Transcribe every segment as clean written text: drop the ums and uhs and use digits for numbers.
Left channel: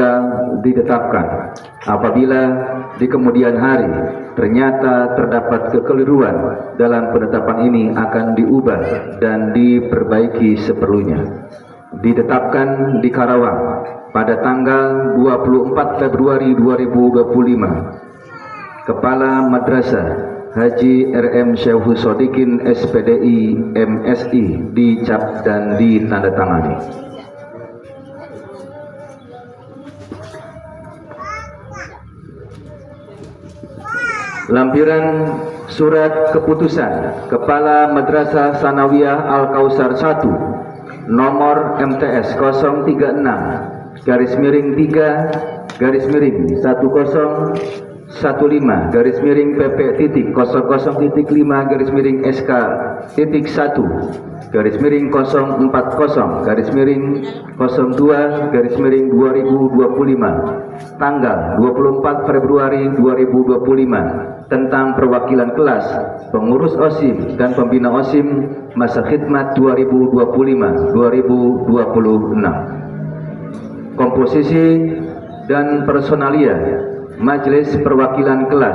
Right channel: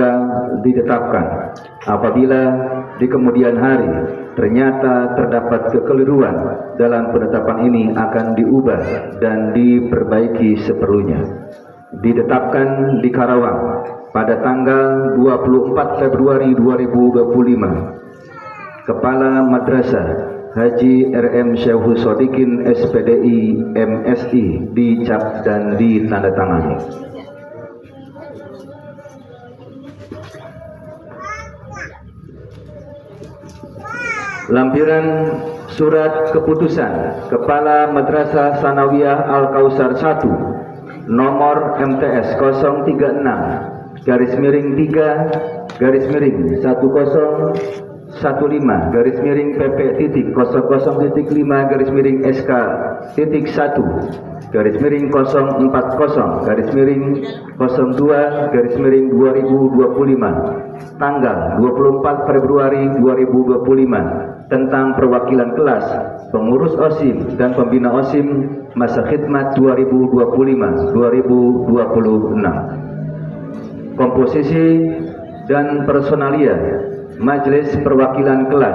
tangga ditetapkan. Apabila di kemudian hari ternyata terdapat kekeliruan dalam penetapan ini, akan diubah dan diperbaiki seperlunya. Ditetapkan di Karawang pada tanggal 24 Februari 2025. Kepala Madrasah Haji RM Syaikhul Shodikin SPDI MSI dicap dan ditandatangani. Lampiran Surat Keputusan Kepala Madrasah Sanawiyah Al-Kausar 1 nomor MTS 036 garis miring 3 garis miring 1015 garis miring PP titik 00.5 garis miring SK titik 1 garis miring 040 garis miring 02 garis miring 2025 tanggal 24 Februari 2025 tentang perwakilan kelas, pengurus OSIM dan pembina OSIM masa khidmat 2025-2026. Komposisi dan personalia Majelis Perwakilan Kelas,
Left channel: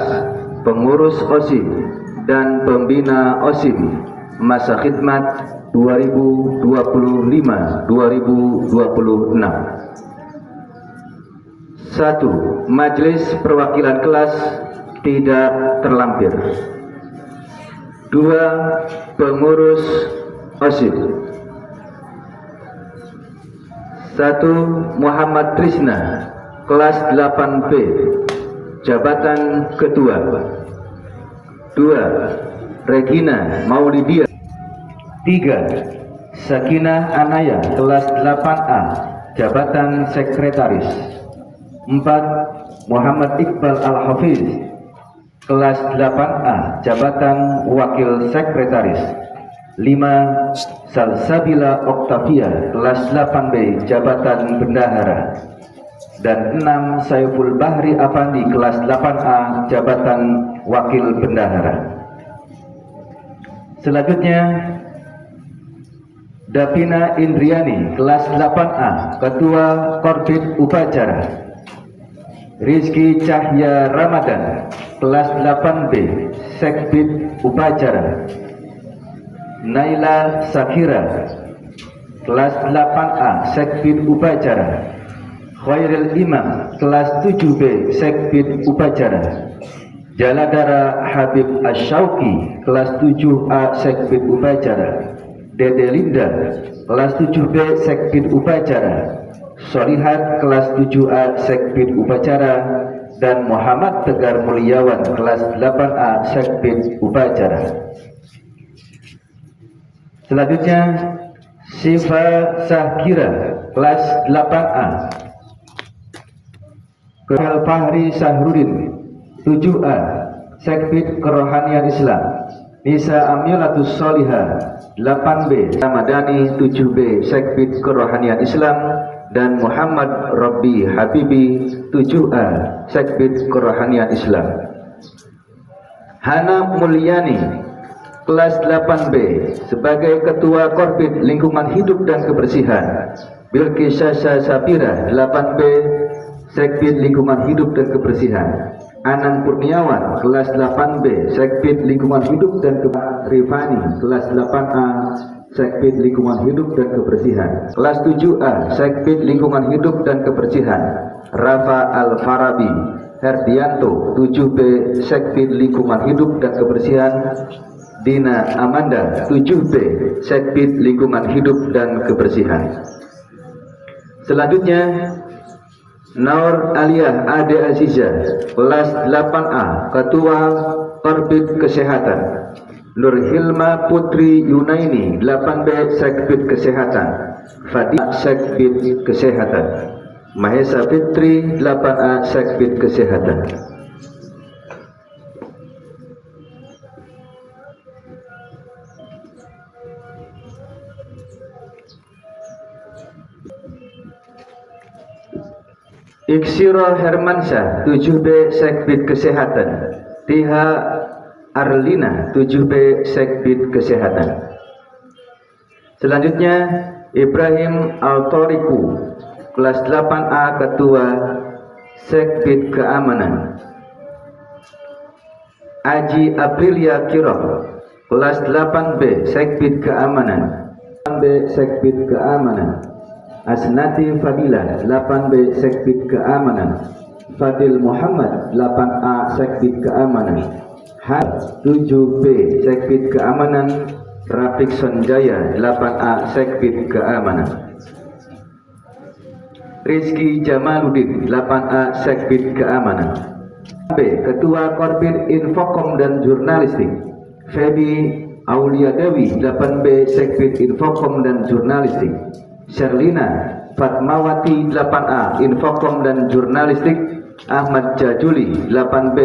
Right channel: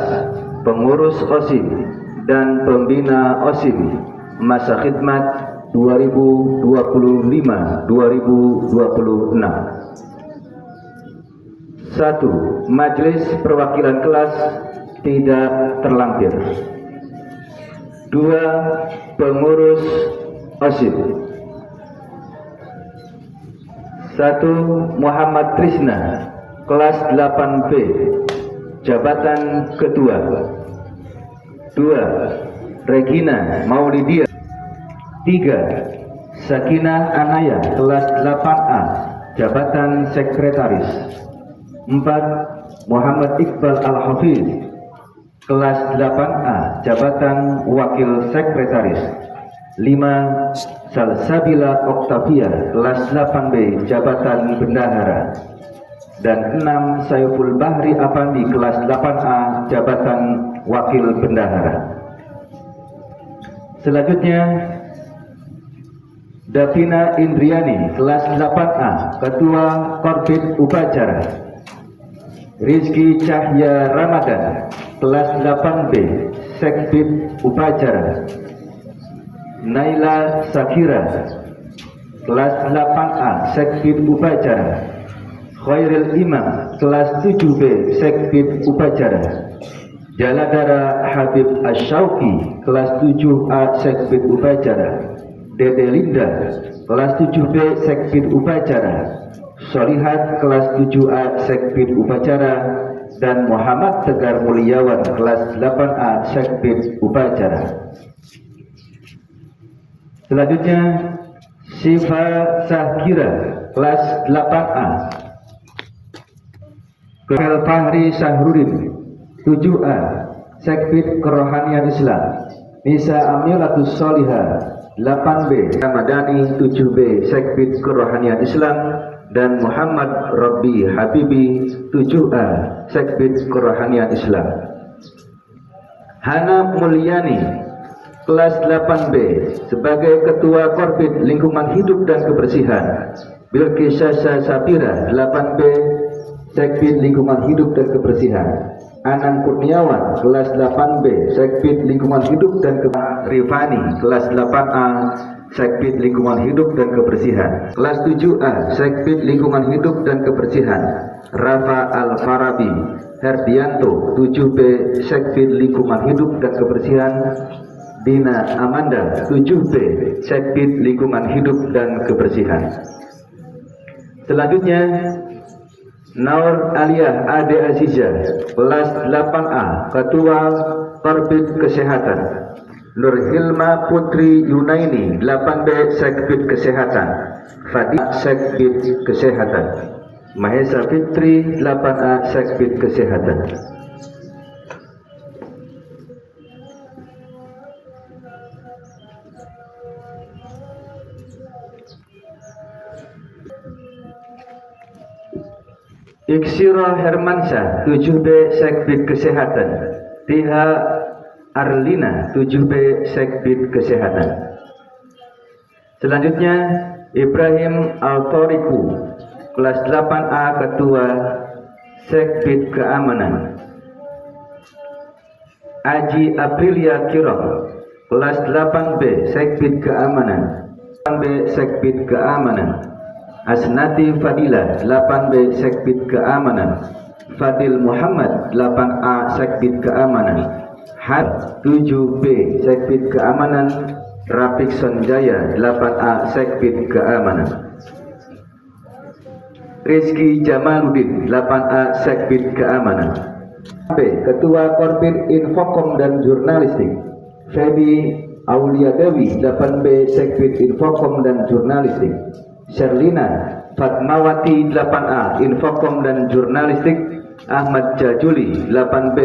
pengurus OSIM dan pembina OSIM masa khidmat 2025-2026. 1. Majelis Perwakilan Kelas tidak terlampir. 2. Pengurus OSIM. 1. Muhammad Trisna, kelas 8B, jabatan ketua. 2. Regina Maulidia. 3. Sakinah Anaya, kelas 8A, jabatan sekretaris. 4. Muhammad Iqbal Al-Hafiz, kelas 8A, jabatan wakil sekretaris. 5. Salsabila Oktavia, kelas 8B, jabatan bendahara. Dan 6. Saiful Bahri Afandi, kelas 8A, jabatan wakil bendahara. Selanjutnya Davina Indriani, kelas 8A, ketua Korbit Upacara. Rizky Cahya Ramadan, kelas 8B, Sekbid Upacara. Naila Sakira, kelas 8A, Sekbid Upacara. Khairil Imam, kelas 7B, Sekbid Upacara. Jaladara Habib Asyauki, kelas 7A, Sekbid Upacara. Dede Linda, kelas 7B, Sekbid Upacara. Solihat, kelas 7A, Sekbid Upacara. Dan Muhammad Tegar Mulyawan, kelas 8A, Sekbid Upacara. Selanjutnya Sifa Sahkira, kelas 8A. Kepala Fahri Sahrudin, 7A, Sekbid Kerohanian Islam. Nisa Amilatus Solihah, 8B, Ramadhani, 7B, Sekbid Kerohanian Islam. Dan Muhammad Robbi Habibi, 7A, Sekbid Kerohanian Islam. Hana Mulyani, kelas 8B, sebagai Ketua Korbit Lingkungan Hidup dan Kebersihan. Bilqis Sasa Sapira, 8B, Sekbid Lingkungan Hidup dan Kebersihan. Anang Kurniawan, kelas 8B, Sekbid Lingkungan Hidup dan Kebersihan. Rifani, kelas 8A, Sekbid Lingkungan Hidup dan Kebersihan. Kelas 7A, Sekbid Lingkungan Hidup dan Kebersihan. Rafa Al-Farabi Herdianto, 7B, Sekbid Lingkungan Hidup dan Kebersihan. Dina Amanda, 7B, Sekbid Lingkungan Hidup dan Kebersihan. Selanjutnya Naur Aliyah Ade Azizah, kelas 8A, Ketua Korbit Kesehatan. Nur Hilma Putri Yunaini, 8B, Sekbid Kesehatan. Fadi, Sekbid Kesehatan. Mahesa Fitri, 8A, Sekbid Kesehatan. Iksiro Hermansyah, 7B, Sekbid Kesehatan. Tiha Arlina, 7B, Sekbid Kesehatan. Selanjutnya Ibrahim Al-Toriku, Kelas 8A Ketua Sekbid Keamanan Aji Aprilia Kirok. Kelas 8B Sekbid Keamanan 8B Sekbid Keamanan Asnati Fadila 8B Sekbid Keamanan Fadil Muhammad 8A Sekbid Keamanan Had 7B Sekbid Keamanan Rafiq Sanjaya 8A Sekbid Keamanan Rizky Jamaluddin 8A Sekbid Keamanan B. Ketua Korbit Infokom dan Jurnalistik Feby Aulia Dewi 8B Sekbid Infokom dan Jurnalistik Sherlina Fatmawati 8A Infokom dan Jurnalistik Ahmad Jajuli 8B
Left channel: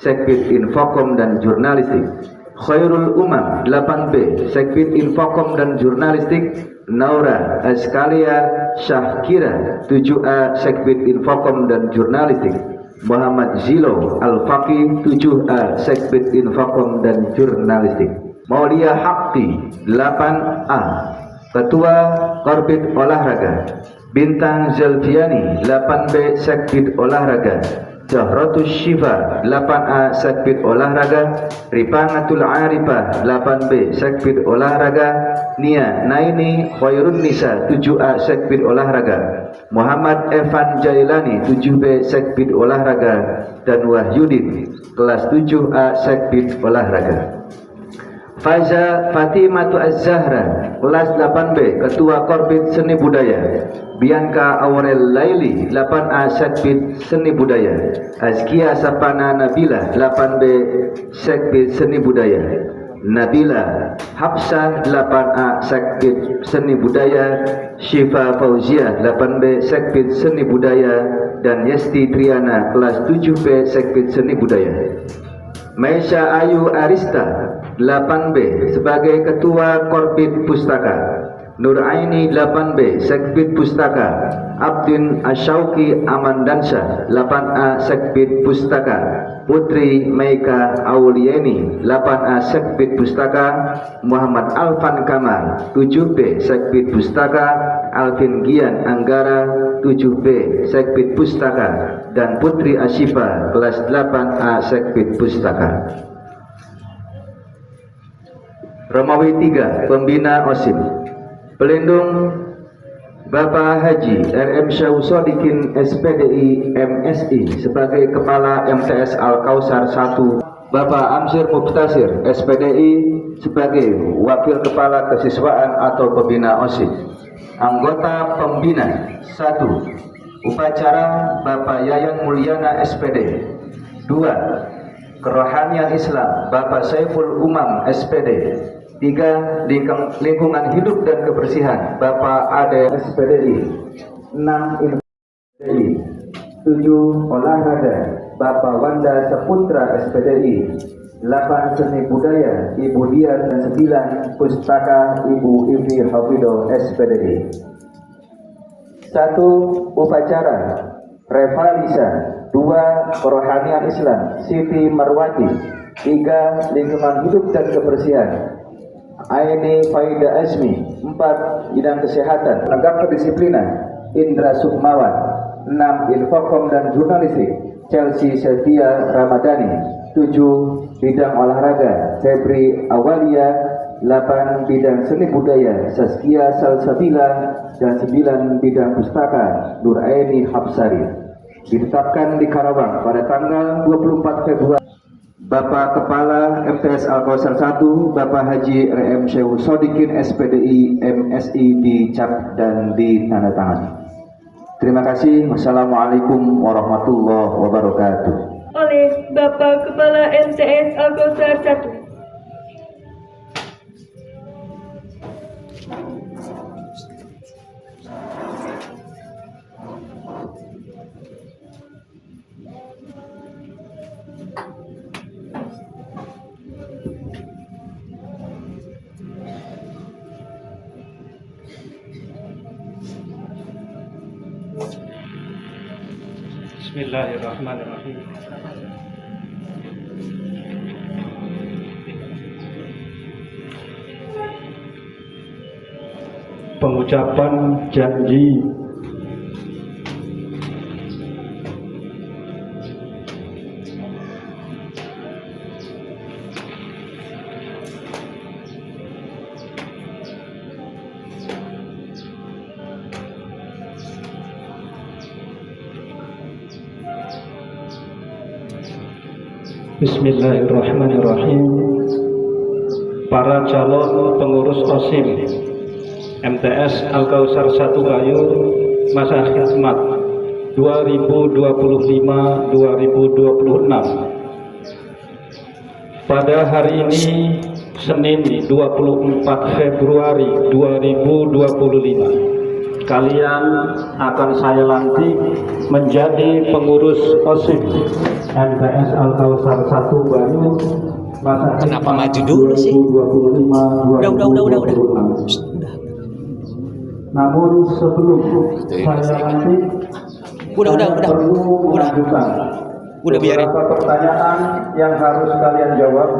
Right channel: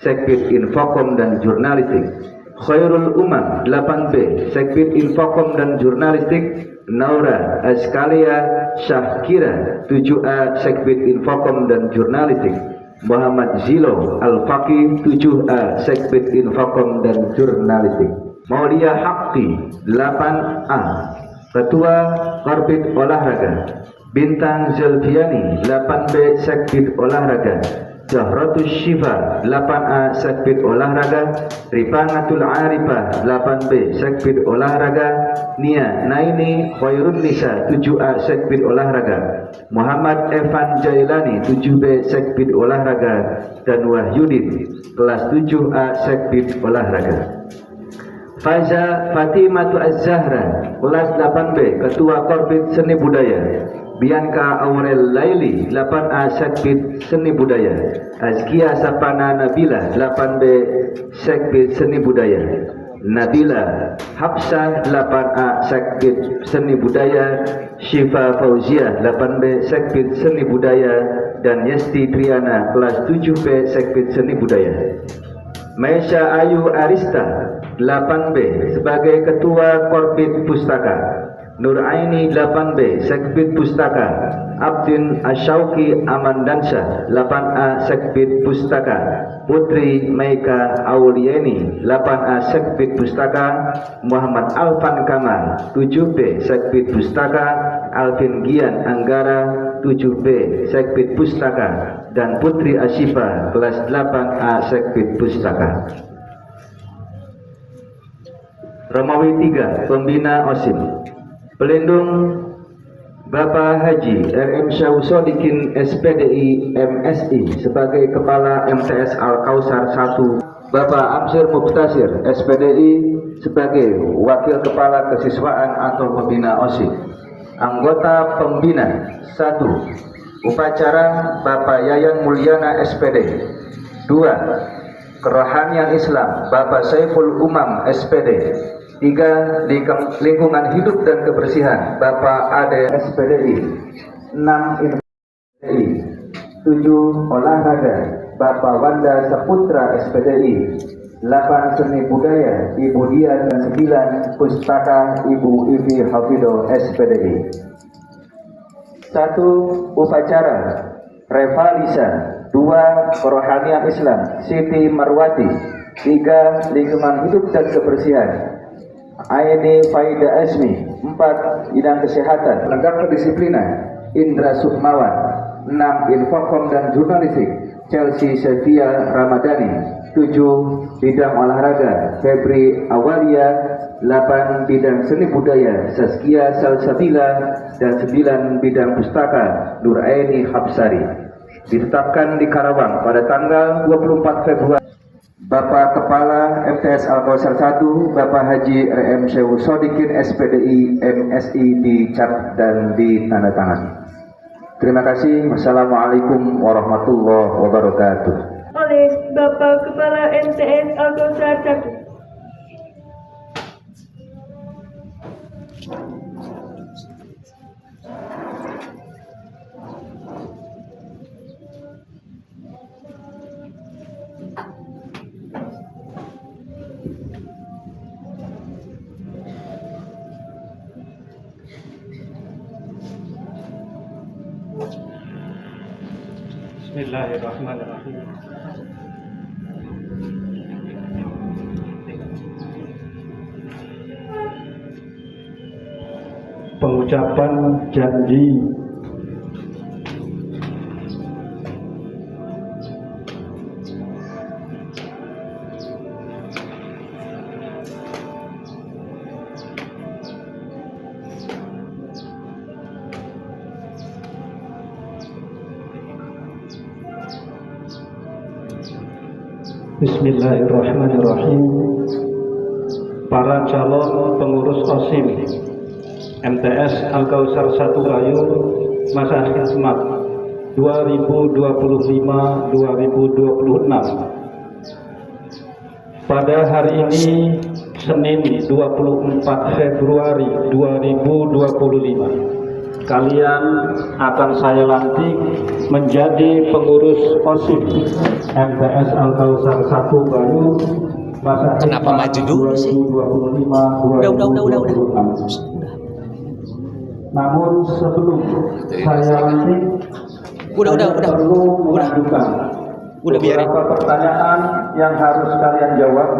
Sekbid Infokom dan Jurnalistik Khairul Umam 8B Sekbid Infokom dan Jurnalistik Naura Askalia Syahkira 7A Sekbid Infokom dan Jurnalistik Muhammad Zilo Al-Faqih 7A Sekbid Infokom dan Jurnalistik Maulia Hakti 8A Ketua Korbit Olahraga Bintang Zelviani 8B Sekbid Olahraga Zahratus Syifa 8A Sekbid Olahraga Ripanatul Arifah 8B Sekbid Olahraga Nia Naini Khairun Nisa 7A Sekbid Olahraga Muhammad Evan Jailani 7B Sekbid Olahraga dan Wahyudin kelas 7A Sekbid Olahraga Faza Fatimatu Az-Zahra kelas 8B Ketua Korbit Seni Budaya Bianca Aurel Laili 8A Sekbid Seni Budaya Azkia Sapana Nabila 8B Sekbid Seni Budaya Nabila Hafsah 8A Sekbid Seni Budaya Syifa Fauzia 8B Sekbid Seni Budaya dan Yesti Triana kelas 7B Sekbid Seni Budaya Maisha Ayu Arista 8B sebagai Ketua Korbit Pustaka Nuraini 8B Sekbid Pustaka Abdin Asyauki Amandansyah 8A Sekbid Pustaka Putri Maika Aulieni 8A Sekbid Pustaka Muhammad Alfan Kamal 7B Sekbid Pustaka Alvin Gian Anggara 7B Sekbid Pustaka dan Putri Asyifa kelas 8A Sekbid Pustaka Romawi 3 Pembina OSIM Pelindung Bapak Haji RM Syahusodikin SPDI MSI sebagai Kepala MTS Al-Kausar 1 Bapak Amsir Mubtasir SPDI sebagai Wakil Kepala Kesiswaan atau Pembina OSIS Anggota Pembina 1 Upacara Bapak Yayan Mulyana SPD 2 Kerohanian Islam Bapak Saiful Umam SPD 3. Lingkungan hidup dan kebersihan Bapak Ade SPDI 6. SPDI 7. Olahraga Bapak Wanda Saputra SPDI 8. Seni budaya Ibu Dian dan 9. Pustaka Ibu Ivi Hafido SPDI 1. Upacara Revalisa 2. Kerohanian Islam Siti Marwati 3. Lingkungan hidup dan kebersihan Aini Faida Azmi 4. Bidang kesehatan Legak kedisiplinan Indra Sukmawan 6. Infokom dan jurnalistik Chelsea Sevia Ramadhani 7. Bidang olahraga Febri Awalia 8. Bidang seni budaya Saskia Salsabila dan 9. Bidang pustaka Nuraini Hapsari ditetapkan di Karawang pada tanggal 24 Februari Bapak Kepala MTS Al-Kausar 1 Bapak Haji RM Syahusodikin SPDI MSI dicap dan ditandatangani. Terima kasih. Wassalamualaikum warahmatullahi wabarakatuh. Oleh Bapak Kepala MTS Al-Kausar 1. Bismillahirrahmanirrahim. Pengucapan janji Bismillahirrahmanirrahim. Para calon pengurus OSIM MTS Al-Kausar 1 Bayur masa khidmat 2025-2026. Pada hari ini Senin 24 Februari 2025, kalian akan saya lantik menjadi pengurus OSIM MTS Al-Kausar 1 Bayur masa Kenapa maju dulu sih? 2025-2026. Udah. Namun sebelum saya lantik, Udah. Udah biarin. beberapa pertanyaan yang harus kalian jawab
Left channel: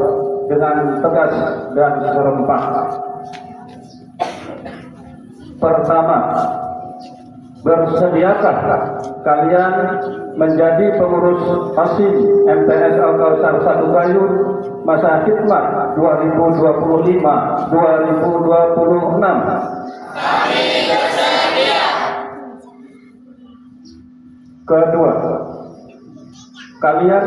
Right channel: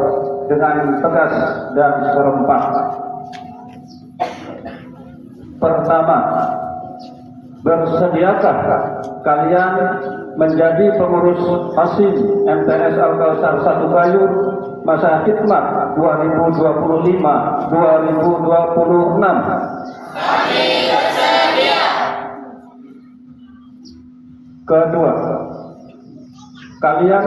dengan tegas dan serempak. Pertama, bersediakah kalian menjadi pengurus OSIM MTS Al-Kausar 1 Bayur masa khidmat 2025-2026? Kedua, kalian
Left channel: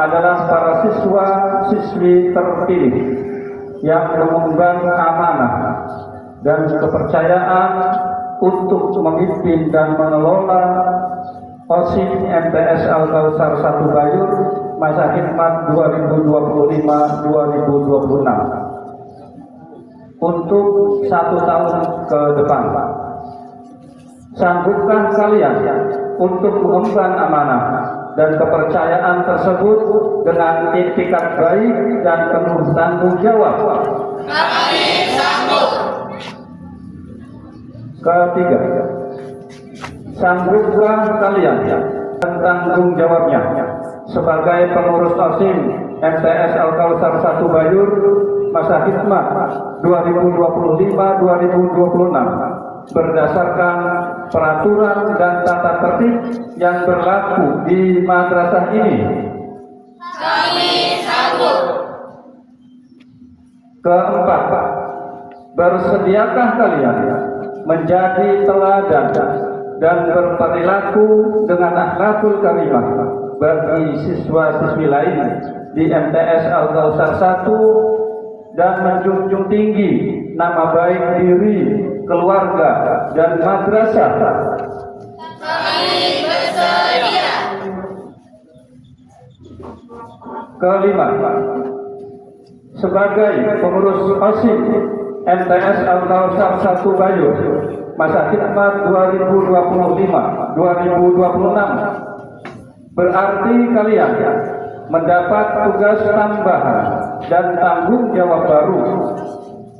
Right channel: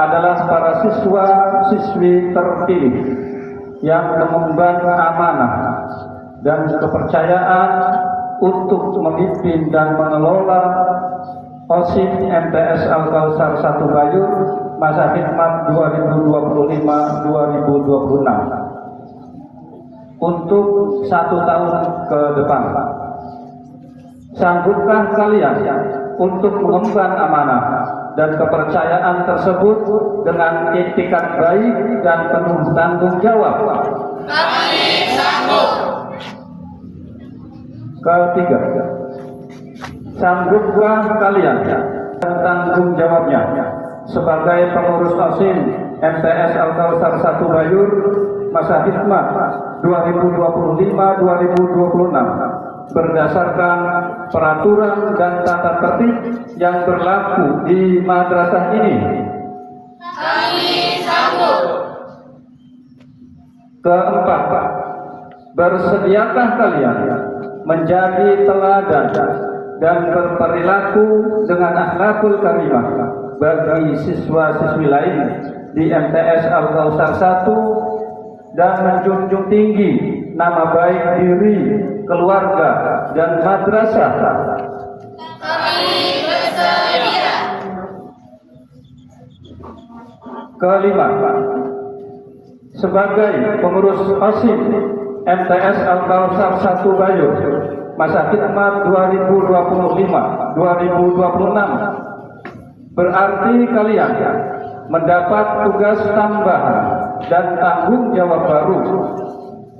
adalah para siswa-siswi terpilih yang mengemban amanah dan kepercayaan untuk memimpin dan mengelola OSIM MTS Al-Kausar 1 Bayur masa khidmat 2025-2026 untuk 1 tahun ke depan. Sanggupkah kalian untuk mengemban amanah dan kepercayaan tersebut dengan itikat baik dan penuh tanggung jawab? Kami sanggup. Ketiga, sanggupkah kalian dan tanggung jawabnya sebagai pengurus OSIM MTS Al-Kausar 1 Bayur masa khidmat 2025-2026 berdasarkan peraturan dan tata tertib yang berlaku di madrasah ini? Kami sanggup. Keempat, bersediakah kalian menjadi teladan dan berperilaku dengan akhlakul karimah bagi siswa-siswi lain di MTS Al-Kausar 1 dan menjunjung tinggi nama baik diri, keluarga, dan madrasah? Kami bersedia. Kelima, sebagai pengurus OSIM MTS Al-Kausar 1 Bayur masa khidmat 2025-2026, berarti kalian mendapat tugas tambahan dan tanggung jawab baru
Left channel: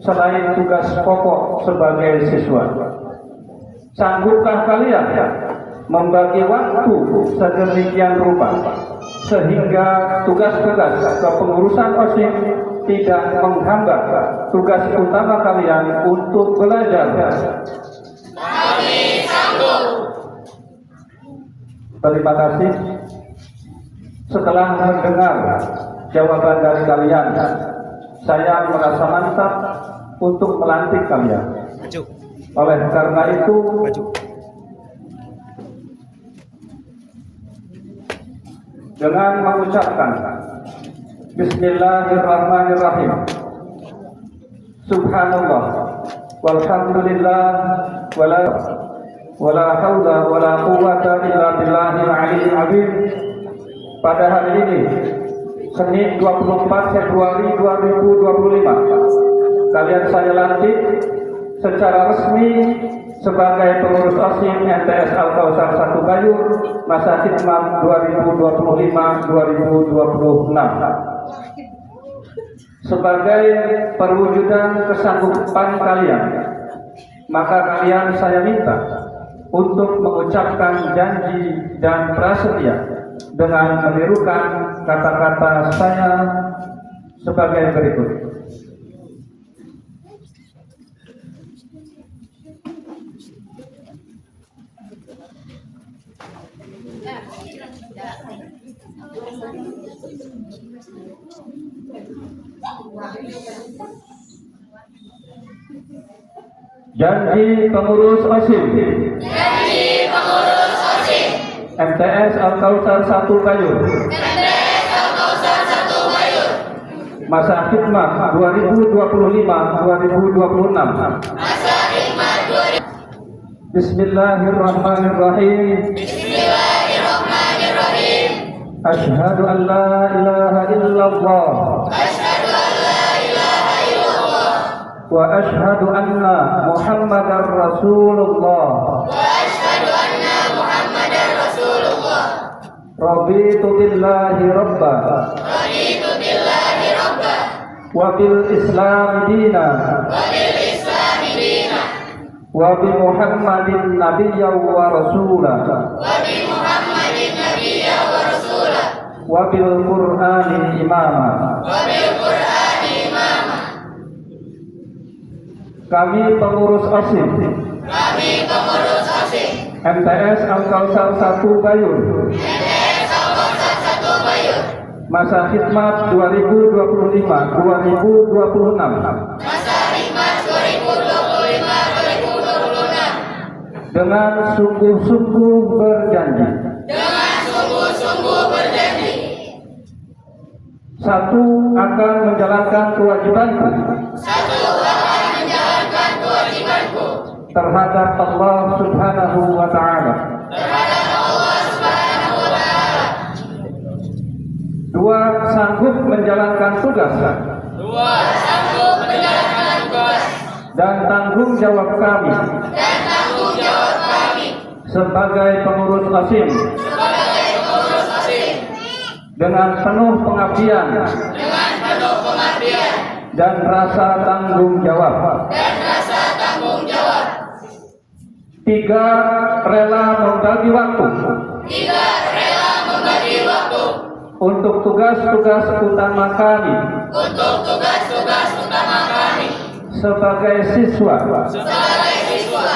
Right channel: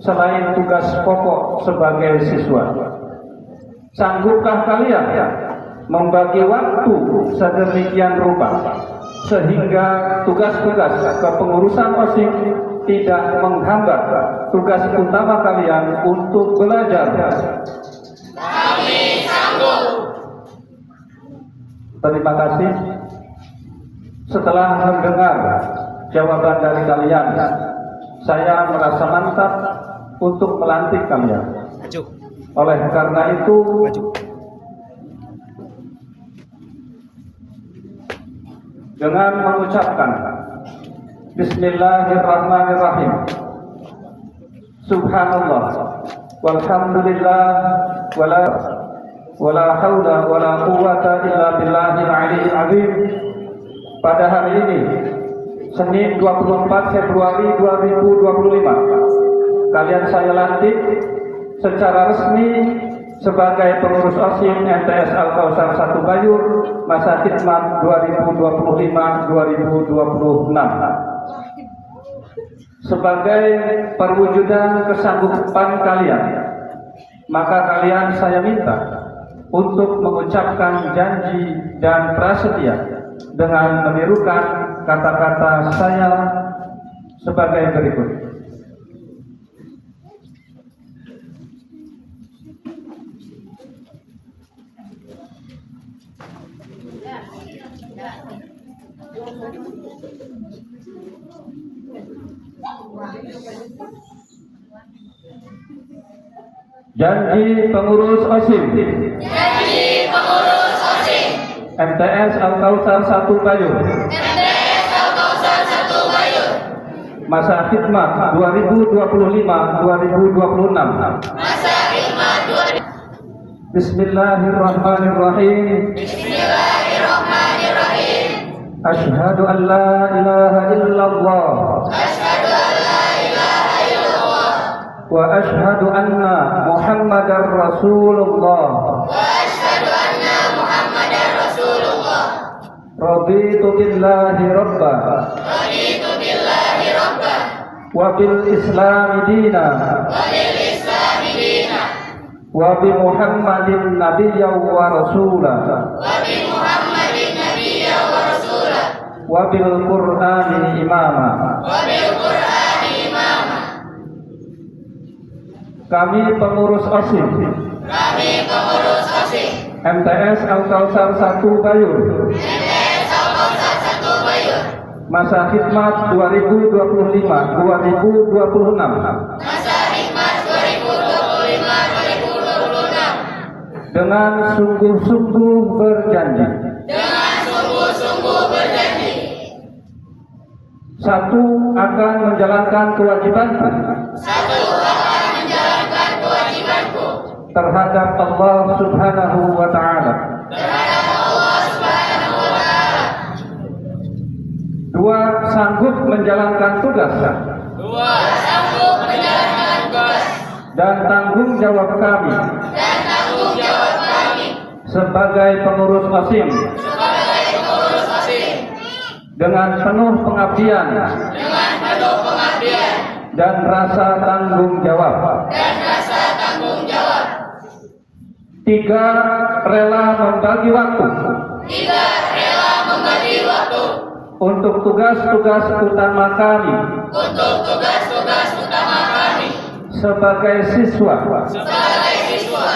selain tugas pokok sebagai siswa. Sanggupkah kalian membagi waktu sedemikian rupa sehingga tugas-tugas kepengurusan OSIM tidak menghambat tugas utama kalian untuk belajar? Kami sanggup. Terima kasih. Setelah mendengar jawaban dari kalian, saya merasa mantap untuk melantik kalian. Maju. Oleh karena itu, dengan mengucapkan Bismillahirrahmanirrahim, Subhanallah, walhamdulillah, wala hawla wala quwwata illa billahil aliyyil azim. Pada hari ini, Senin 24 Februari 2025, kalian saya lantik secara resmi sebagai pengurus OSIM MTS Al-Kausar 1 Bayur masa khidmat 2025-2026. Sebagai perwujudan kesanggupan kalian, maka kalian saya minta untuk mengucapkan janji dan prasetia dengan menirukan kata-kata saya sebagai berikut. Janji pengurus OSIM. Janji pengurus OSIM. MTS Al-Kausar 1 Bayur. MTS Al-Kausar masa khidmat 2025-2026. Masa khidmat 2025. Bismillahirrahmanirrahim. Bismillahirrahmanirrahim. Asyhadu an la ilaha illallah Asyhadu an la ilaha illallah wa asyhadu anna Muhammadar Rasulullah. wa asyhadu anna Muhammadar Rasulullah. Raditu billahi rabba Raditu billahi rabba wa bil islami dina wa bil islami dina wa bi Muhammadin nabiyya wa rasula wa bi Muhammadin nabiyya wa rasula wa bil Qur'ani imama. wa bil Qur'ani imama. Kami pengurus OSIS Kami pengurus OSIS MTS Al-Kautsar 1 Bayur, MTS Al-Kautsar 1 Bayur, masa khidmat 2025-2026 masa khidmat 2025-2026 dengan sungguh-sungguh berjanji. dengan sungguh-sungguh berjanji. Satu, akan menjalankan kewajibanku Satu, akan menjalankan kewajibanku terhadap Allah Subhanahu wa Ta'ala. terhadap Allah Subhanahu wa Ta'ala. Dua, sanggup menjalankan tugas Dua, sanggup menjalankan tugas dan tanggung jawab kami dan tanggung jawab kami sebagai pengurus OSIS sebagai pengurus OSIS dengan penuh pengabdian dengan penuh pengabdian dan rasa tanggung jawab. dan rasa tanggung jawab. Tiga, rela membagi waktu Tiga, rela membagi waktu untuk tugas-tugas utama kami untuk tugas-tugas utama kami sebagai siswa sebagai siswa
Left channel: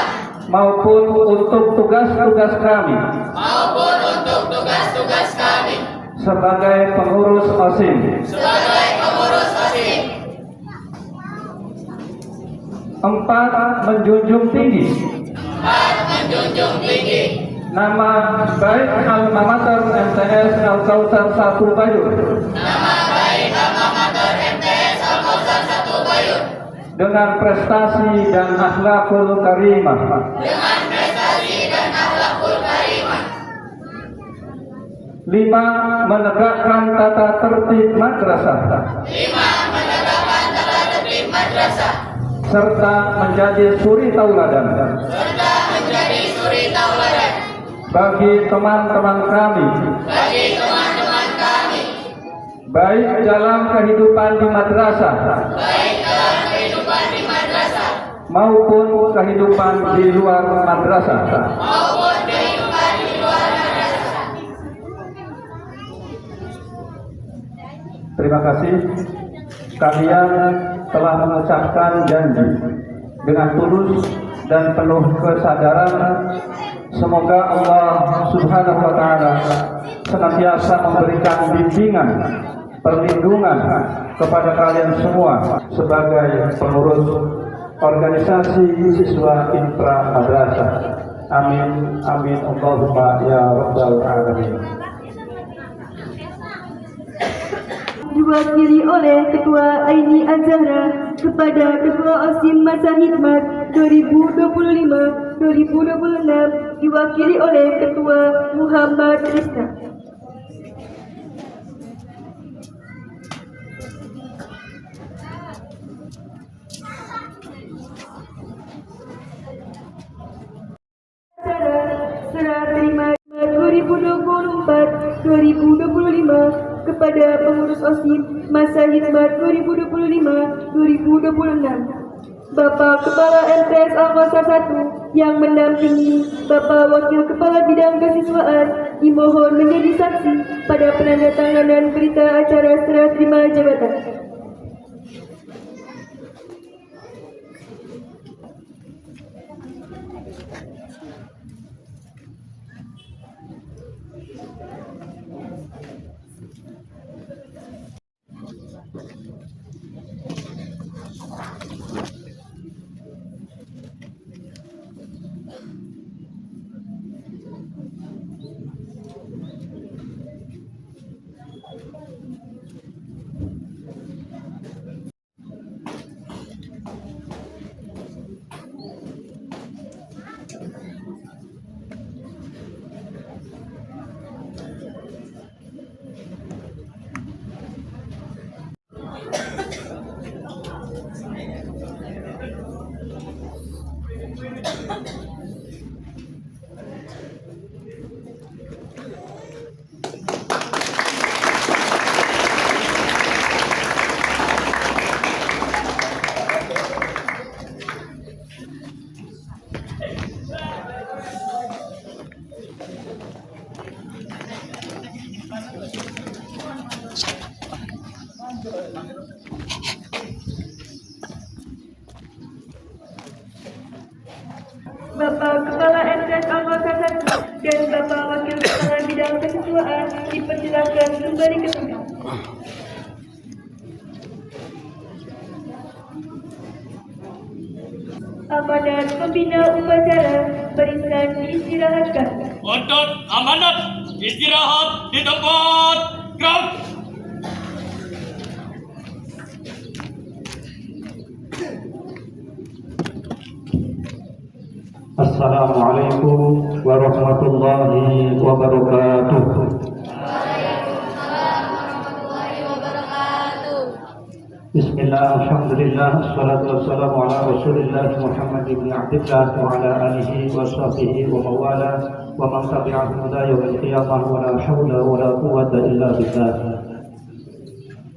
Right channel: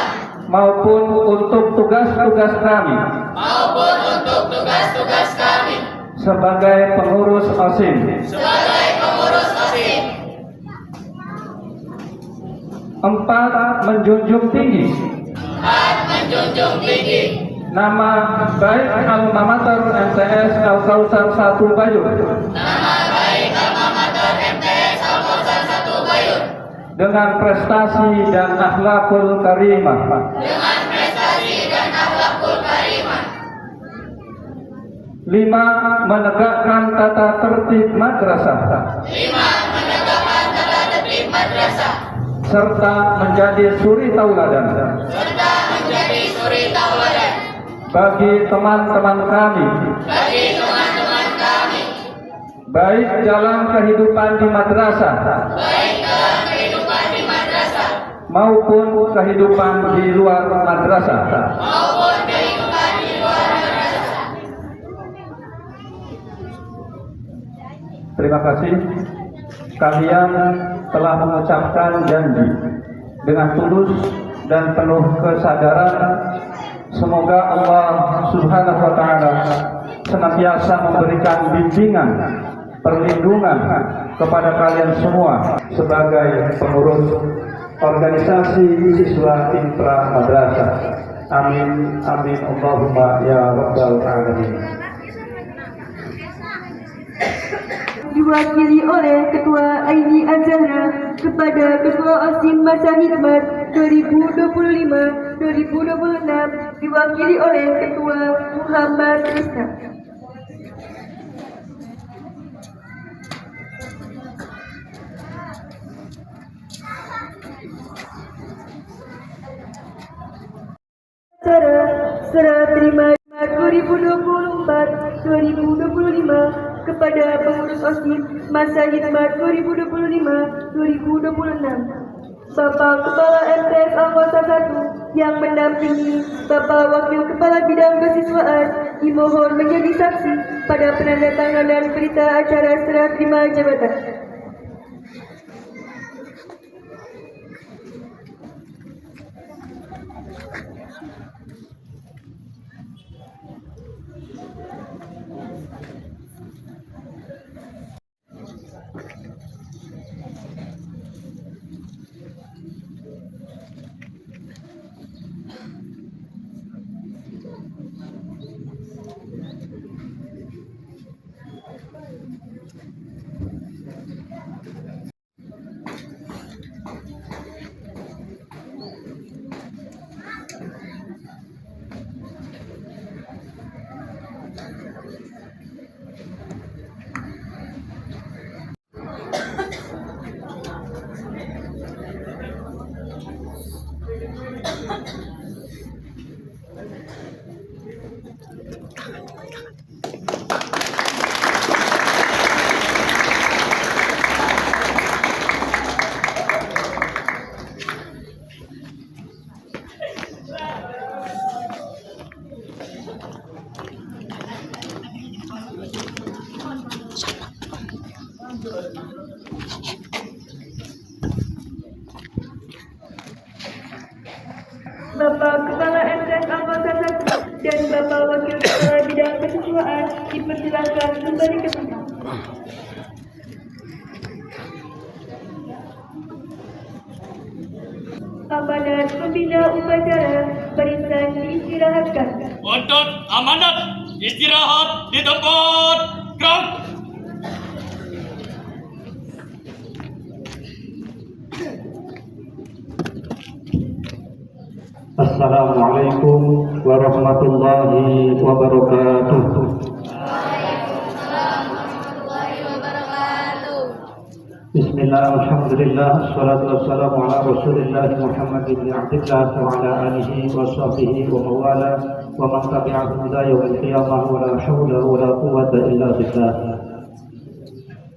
maupun untuk tugas-tugas kami maupun untuk tugas-tugas kami sebagai pengurus OSIS. sebagai pengurus OSIS. Empat, menjunjung tinggi Empat, menjunjung tinggi nama baik alma mater MTS Al-Kautsar 1 Bayur nama baik alma mater MTS Al-Kautsar 1 Bayur dengan prestasi dan akhlakul karimah. dengan prestasi dan akhlakul karimah. Lima, menegakkan tata tertib madrasah Lima, menegakkan tata tertib madrasah serta menjadi suri tauladan serta menjadi suri tauladan bagi teman-teman kami bagi teman-teman kami baik dalam kehidupan di madrasah baik dalam kehidupan di madrasah maupun kehidupan di luar madrasah. maupun kehidupan di luar madrasah. Terima kasih. Kalian telah mengucapkan janji dengan tulus dan penuh kesadaran. Semoga Allah Subhanahu wa Ta'ala senantiasa memberikan bimbingan, perlindungan kepada kalian semua sebagai pengurus organisasi siswa intra madrasah. Amin, amin, Allahumma ya rabbal alamin. Diwakili oleh Ketua Aini Azhara kepada Ketua OSIS masa khidmat 2025-2026 diwakili oleh Ketua Muhammad Rizka. Serah terima 2024-2025 kepada pengurus OSIS masa khidmat 2025-2026. Bapak Kepala MTS Al-Kautsar 1 yang mendampingi Bapak Wakil Kepala Bidang Kesiswaan dimohon menjadi saksi pada penandatanganan berita acara serah terima jabatan. dan Bapak Wakil Kepala Bidang Kesiswaan dipersilakan kembali ke tempat. Amanat pembina upacara barisan diistirahatkan. Untuk amanat istirahat di tempat. Gerak. Assalamualaikum warahmatullahi wabarakatuh. Bismillah, alhamdulillah, assalatu wassalamu ala rasulillah Muhammad ibn Abdillah wa ala alihi wa sahbihi wa mawala wa man tabi'ahum ila yawmil qiyamah wa la hawla wa la quwwata illa billah.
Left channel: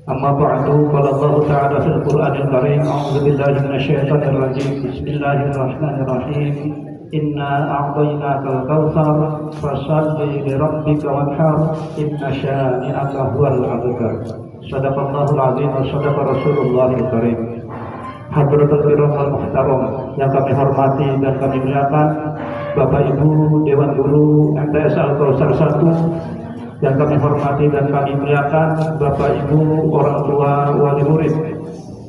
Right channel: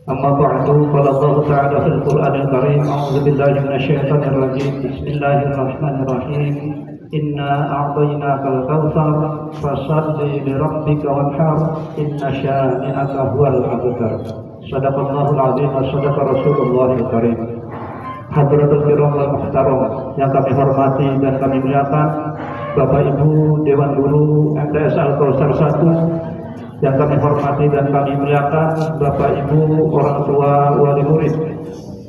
Amma ba'du, qala Allah ta'ala fil Qur'anil Karim, a'udzu billahi minasy syaithanir rajim. Bismillahirrahmanirrahim. Inna a'tainakal kautsar fashalli li rabbika wanhar inna syani'aka huwal abtar. Shadaqallahul azim wa shadaqa Rasulullahil karim. Hadratul kiram wal muhtaram yang kami hormati dan kami muliakan Bapak Ibu Dewan Guru MTS Al-Kautsar 1, yang kami hormati dan kami muliakan Bapak Ibu orang tua wali murid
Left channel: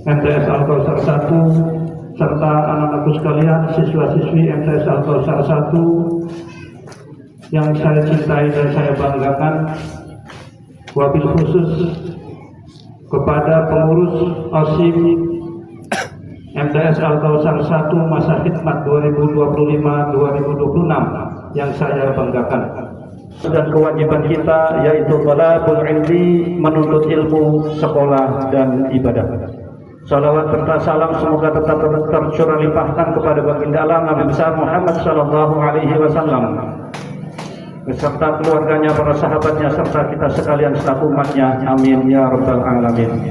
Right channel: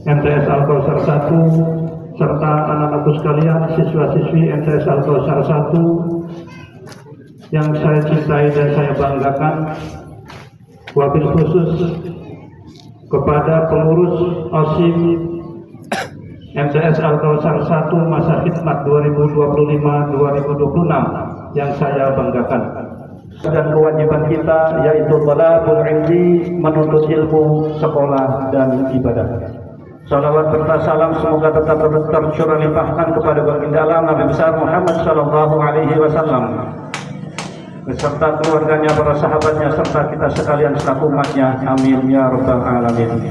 MTS Al-Kautsar 1 serta anak-anakku sekalian, siswa-siswi MTS Al-Kautsar 1 yang saya cintai dan saya banggakan, wabil khusus kepada pengurus OSIM MTS Al-Kautsar 1 masa khidmat 2025-2026 yang saya banggakan. Dan kewajiban kita yaitu thalabul ilmi, menuntut ilmu, sekolah dan ibadah. Salawat serta salam semoga tetap tercurah limpahkan kepada baginda alam Nabi besar Muhammad sallallahu alaihi wasallam beserta keluarganya, para sahabatnya serta kita sekalian selaku umatnya. Amin ya rabbal alamin.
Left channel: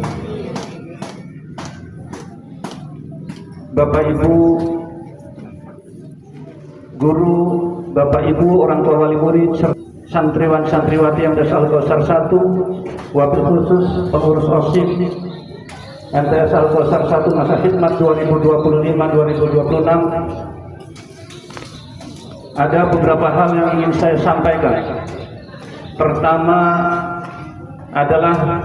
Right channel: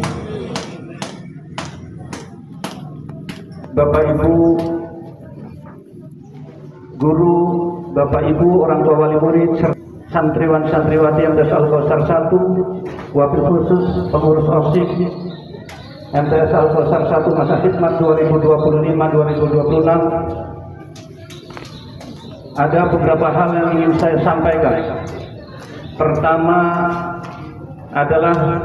Bapak Ibu guru, Bapak Ibu orang tua wali murid, santriwan santriwati yang MTS Al-Kautsar 1, wabil khusus pengurus OSIM MTS Al-Kautsar 1 masa khidmat 2025-2026, ada beberapa hal yang ingin saya sampaikan. Pertama adalah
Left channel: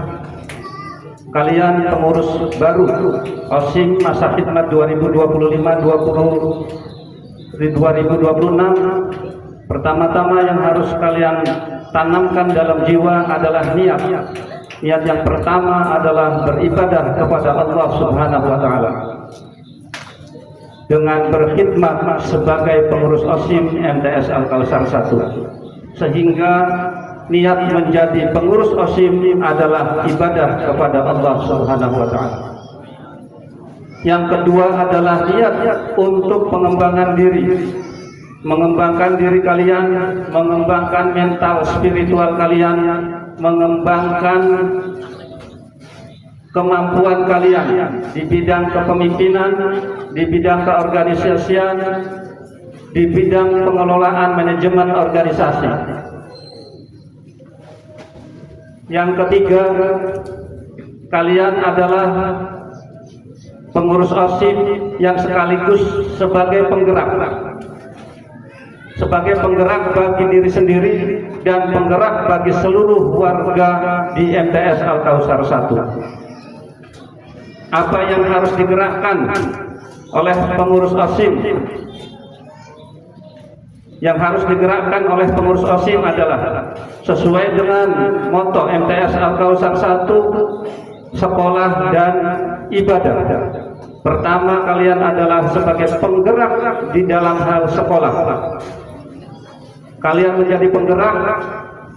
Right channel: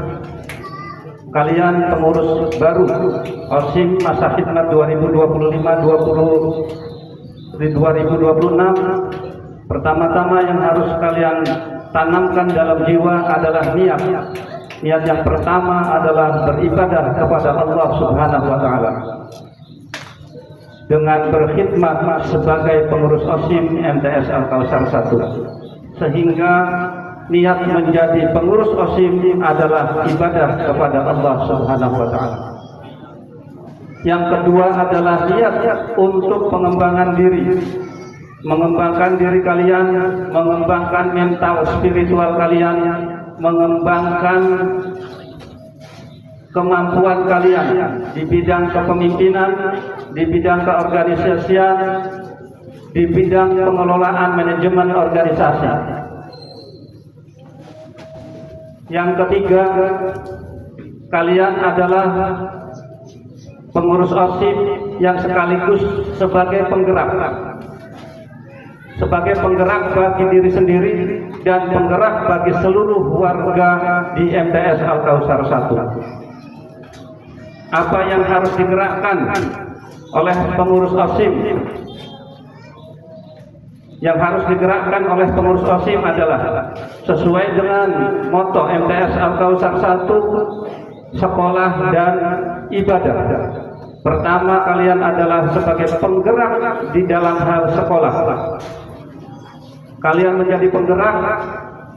kalian pengurus baru OSIM masa khidmat 2025-2026, pertama-tama yang harus kalian tanamkan dalam jiwa adalah niat. Niat yang pertama adalah beribadah kepada Allah Subhanahu wa taala dengan berkhidmat sebagai pengurus OSIM MTS Al-Kautsar 1, sehingga niat menjadi pengurus OSIM adalah ibadah kepada Allah Subhanahu wa taala. Yang kedua adalah niat untuk pengembangan diri, mengembangkan diri kalian, mengembangkan mental spiritual kalian, mengembangkan kemampuan kalian di bidang kepemimpinan, di bidang keorganisasian, di bidang pengelolaan manajemen organisasi. Yang ketiga, kalian adalah pengurus OSIM yang sekaligus sebagai penggerak bagi diri sendiri dan penggerak bagi seluruh warga di MTS Al-Kautsar 1. Apa yang harus digerakkan oleh pengurus OSIM? Yang harus digerakkan oleh pengurus OSIM adalah sesuai dengan moto MTS Al-Kautsar 1, sekolah dan ibadah. Pertama, kalian adalah sebagai penggerak di dalam hal sekolah. Kalian menjadi penggerak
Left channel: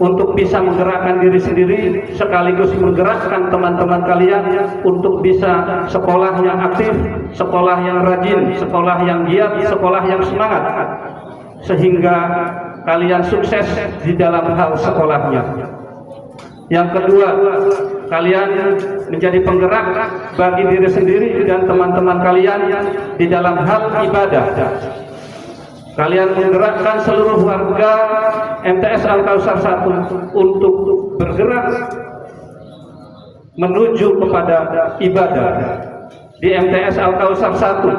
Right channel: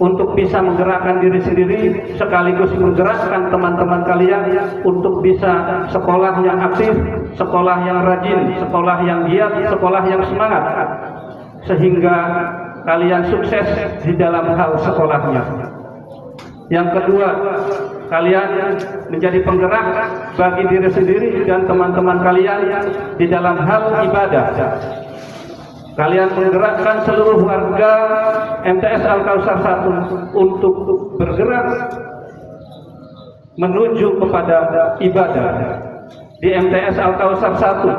untuk bisa menggerakkan diri sendiri sekaligus menggerakkan teman-teman kalian untuk bisa sekolah yang aktif, sekolah yang rajin, sekolah yang giat, sekolah yang semangat, sehingga kalian sukses di dalam hal sekolahnya. Yang kedua, kalian menjadi penggerak bagi diri sendiri dan teman-teman kalian di dalam hal ibadah. Kalian menggerakkan seluruh warga MTS Al-Kautsar 1 untuk bergerak menuju kepada ibadah. Di MTS Al-Kautsar 1,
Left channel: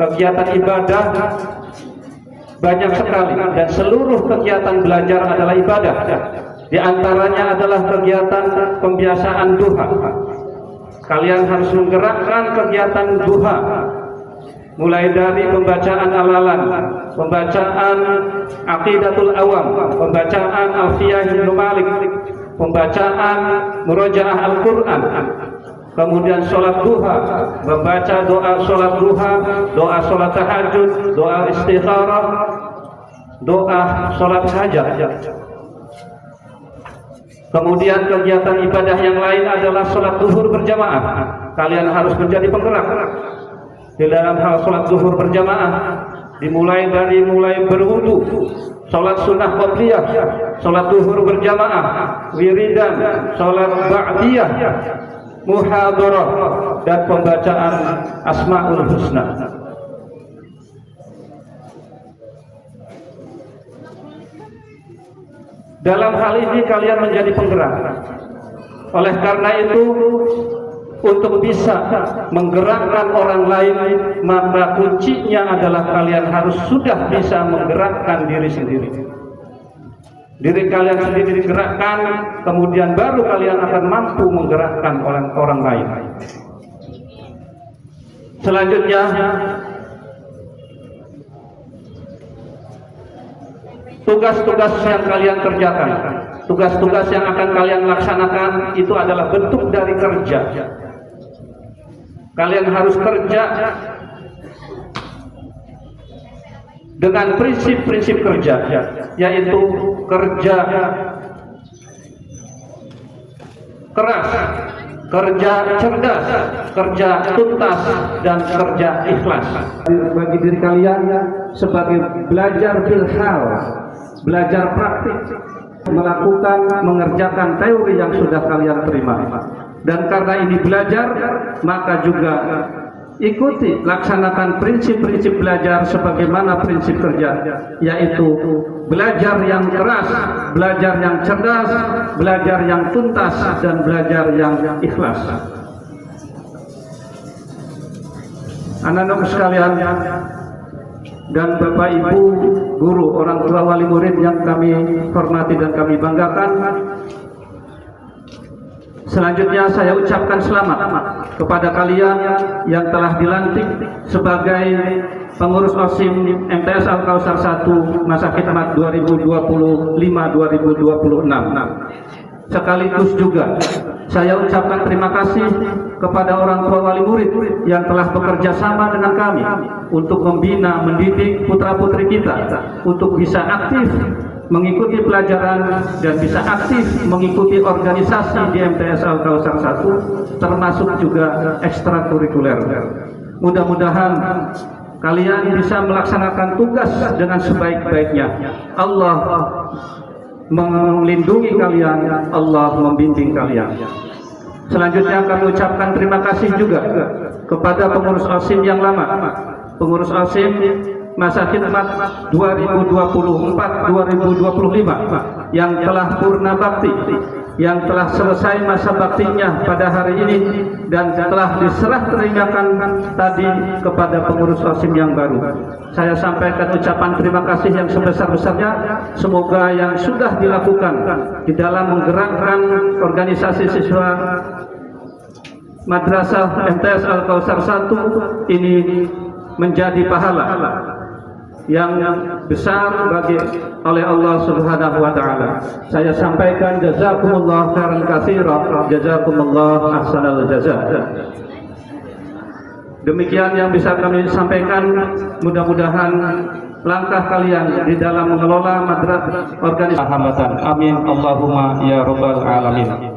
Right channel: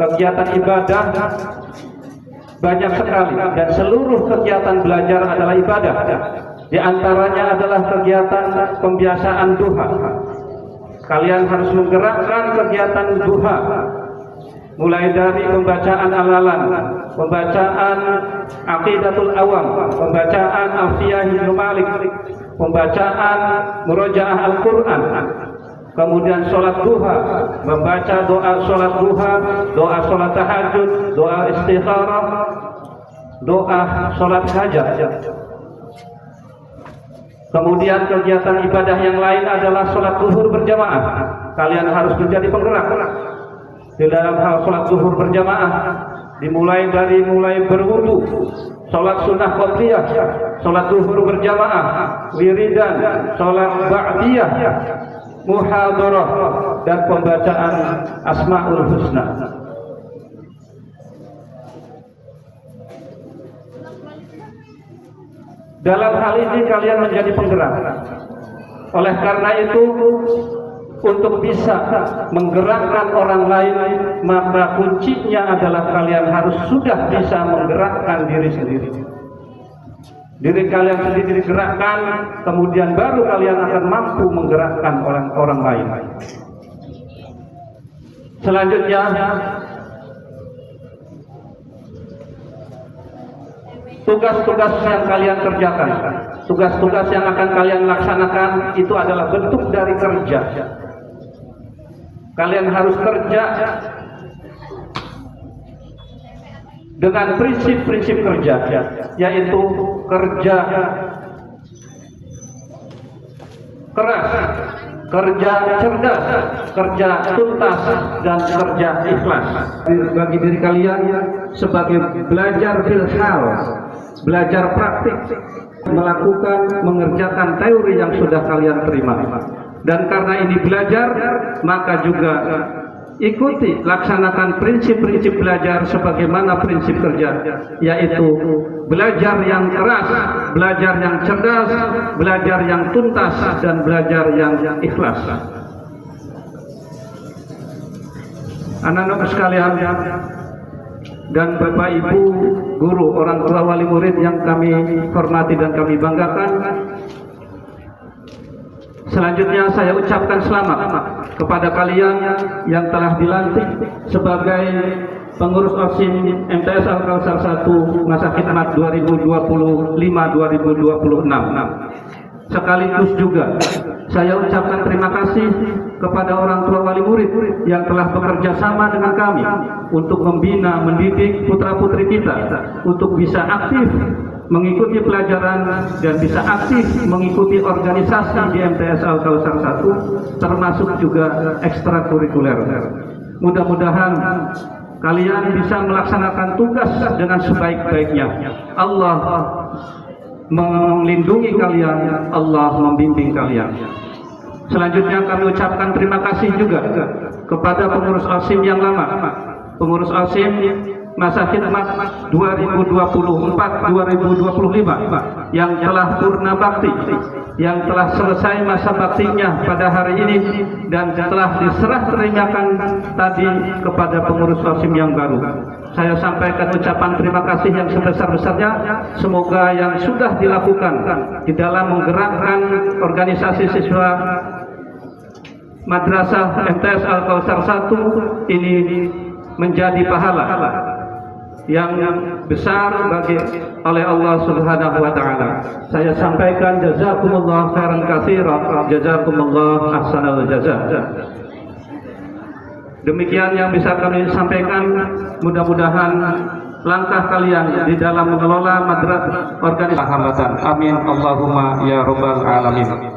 kegiatan ibadah banyak sekali dan seluruh kegiatan belajar adalah ibadah. Di antaranya adalah kegiatan pembiasaan duha. Kalian harus menggerakkan kegiatan duha, mulai dari pembacaan al-alam, pembacaan aqidatul awam, pembacaan alfiyah Ibnu Malik, pembacaan murojaah Al-Quran, kemudian sholat duha, membaca doa sholat duha, doa sholat tahajud, doa istikharah, doa sholat hajat. Kemudian kegiatan ibadah yang lain adalah sholat zuhur berjamaah. Kalian harus menjadi penggerak di dalam hal sholat zuhur berjamaah, dimulai dari berwudu, sholat sunnah qobliyah, sholat zuhur berjamaah, wiridan, sholat ba'diyah, muhadarah, dan pembacaan Asmaul Husna. Dalam hal ini kalian menjadi penggerak. Oleh karena itu, untuk bisa menggerakkan orang lain, maka kuncinya adalah kalian harus sudah bisa menggerakkan diri sendiri. Diri kalian sendiri digerakkan, kemudian baru kalian akan mampu menggerakkan orang lain. Selanjutnya, tugas-tugas yang kalian kerjakan, tugas-tugas yang akan kalian laksanakan itu adalah bentuk dari kerja. Kalian harus kerja dengan prinsip-prinsip kerja, yaitu kerja keras, kerja cerdas, kerja tuntas, dan kerja ikhlas. Bagi diri kalian sebagai belajar filhal, belajar praktik, mengerjakan teori yang sudah kalian terima. Dan karena ini belajar, maka juga ikuti, laksanakan prinsip-prinsip belajar sebagaimana prinsip kerja, yaitu belajar yang keras, belajar yang cerdas, belajar yang tuntas, dan belajar yang ikhlas. Anak-anak sekalian dan Bapak Ibu guru, orang tua, wali murid yang kami hormati dan kami banggakan, selanjutnya saya ucapkan selamat kepada kalian yang telah dilantik sebagai pengurus OSIM MTS Al-Kausar 1 masa khidmat 2025-2026. Sekaligus juga saya ucapkan terima kasih kepada orang tua wali murid yang telah bekerja sama dengan kami untuk membina, mendidik putra-putri kita untuk bisa aktif mengikuti pelajaran dan bisa aktif mengikuti organisasi di MTS Al-Kausar 1, termasuk juga ekstrakurikuler. Mudah-mudahan kalian bisa melaksanakan tugas dengan sebaik-baiknya. Allah melindungi kalian, Allah membimbing kalian. Selanjutnya kami ucapkan terima kasih juga kepada pengurus OSIM yang lama, pengurus OSIM masa khidmat 2024-2025 yang telah purna bakti, yang telah selesai masa baktinya pada hari ini dan telah diserah terimakan tadi kepada pengurus OSIM yang baru. Saya sampaikan ucapan terima kasih yang sebesar-besarnya. Semoga yang sudah dilakukan di dalam menggerakkan organisasi siswa Madrasah MTS Al-Kausar 1 ini menjadi pahala yang besar oleh Allah Subhanahu wa taala. Saya sampaikan jazakumullah khairan katsiran, jazakumullah ahsanal jazaa. Demikian yang bisa kami sampaikan. Mudah-mudahan langkah kalian di dalam mengelola madrasah organisasi hambatan. Amin Allahumma ya rabbal alamin.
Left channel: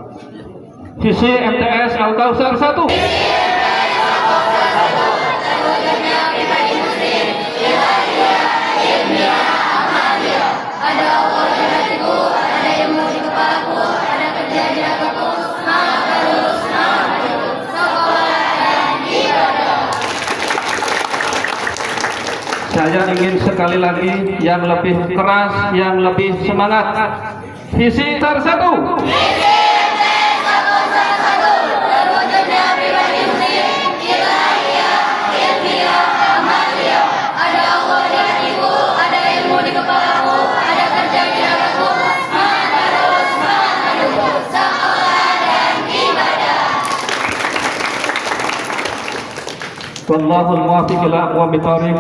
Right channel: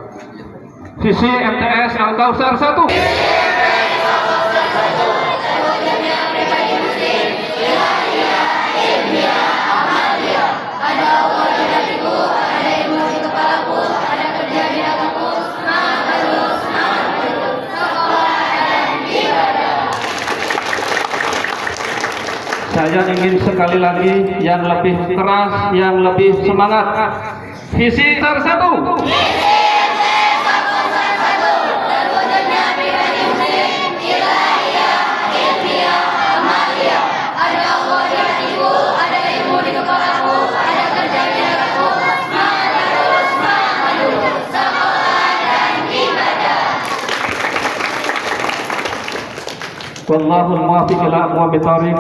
Sisi MTS Al-Kausar 1. Saya ingin sekali lagi yang lebih keras, yang lebih semangat. Visi satu. Wallahul muwaffiq ila aqwamit thoriq.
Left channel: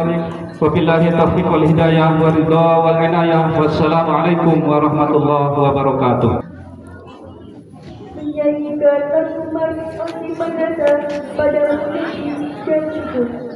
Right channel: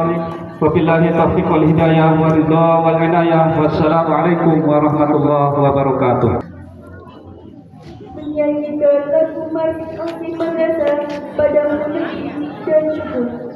Wabillahi taufiq wal hidayah wa ridha wal inayah. Wassalamualaikum warahmatullahi wabarakatuh. Menyanyikan lagu Marfis Osi Perdana pada musik dan syukur.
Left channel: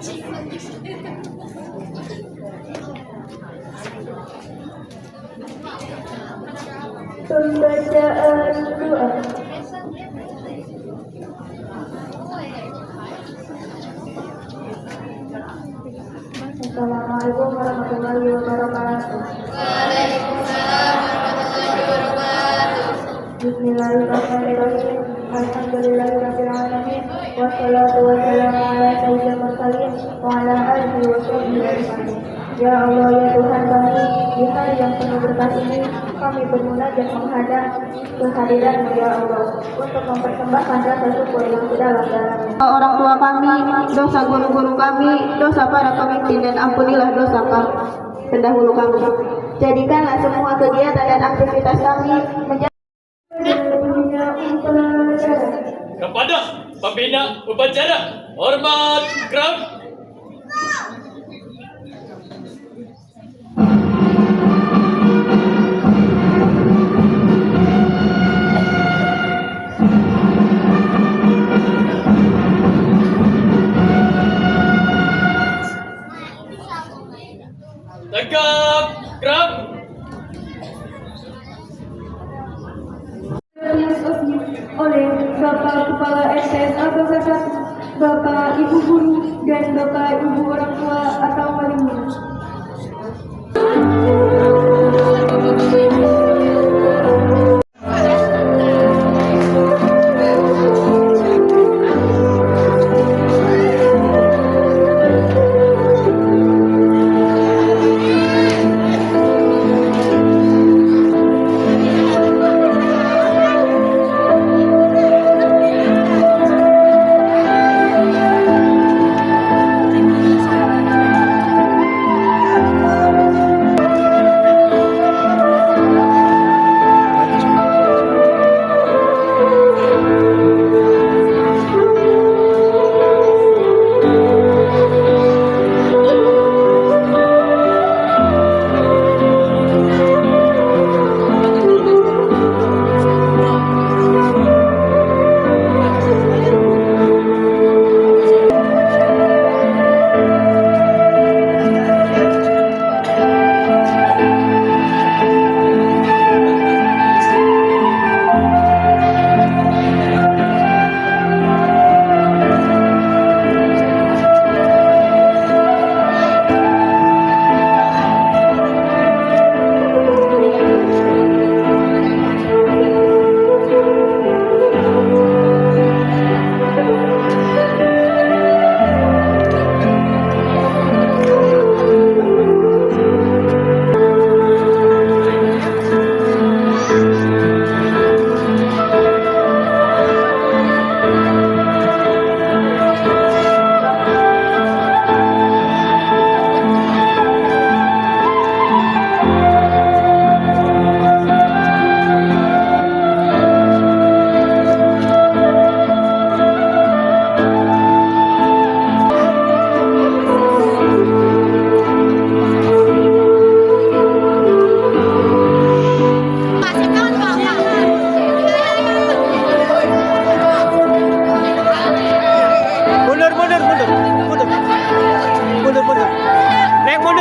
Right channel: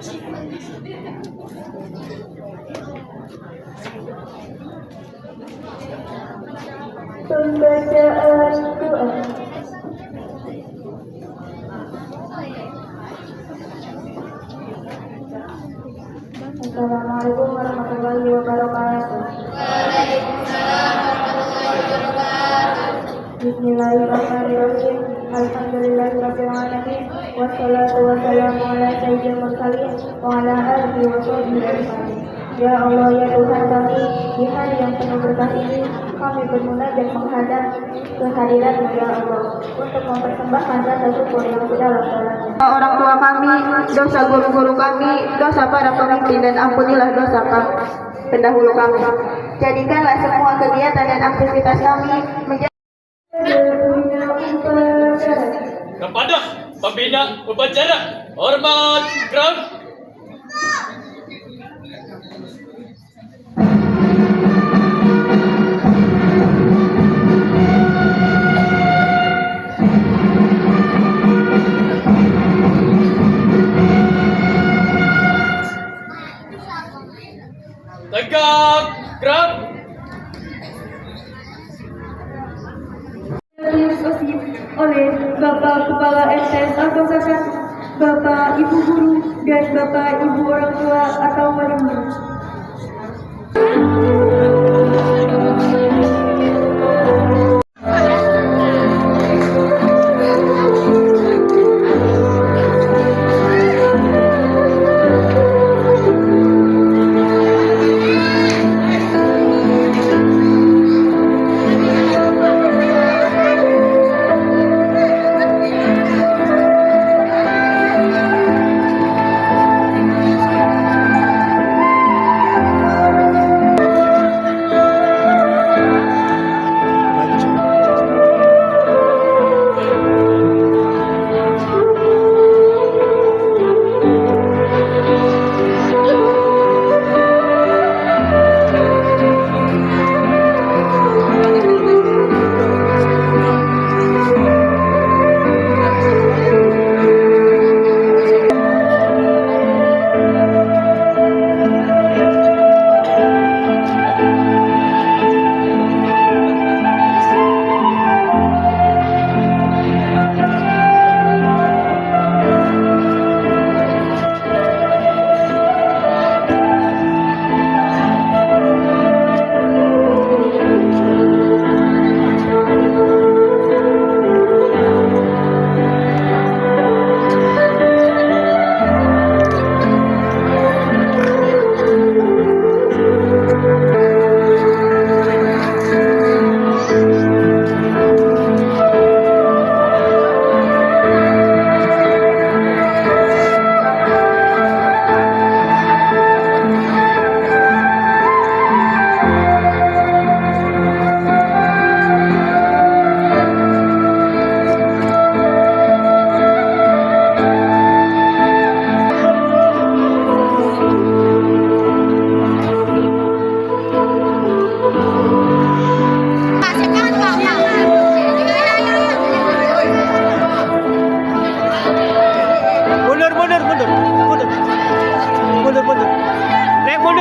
Pembacaan doa. Assalamualaikum warahmatullahi wabarakatuh. Bismillahirrahmanirrahim. Alhamdulillahirabbil alamin. Wassalatu wassalamu ala sayyidil mursalin wa ala alihi wa sahbihi ajma'in. Ya Allah, ya Tuhan kami, di hari yang penuh berkah ini kami bermunajat menghadap kehadiran ya Allah untuk mempersembahkan rasa syukur yang sedalam-dalamnya. Orang tua kami, dosa guru-guru kami, dosa para pemimpin, dan ampunilah dosa kami pendahulu kami. Jadikanlah semua kegiatan dan aktivitas kami menjadi kepada pembina upacara hormat ground. Tegak ground. oleh Bapak Kepala MTS Angkasa 1, Bapak Ibu Guru, dan Bapak Ibu orang tua atau wali murid.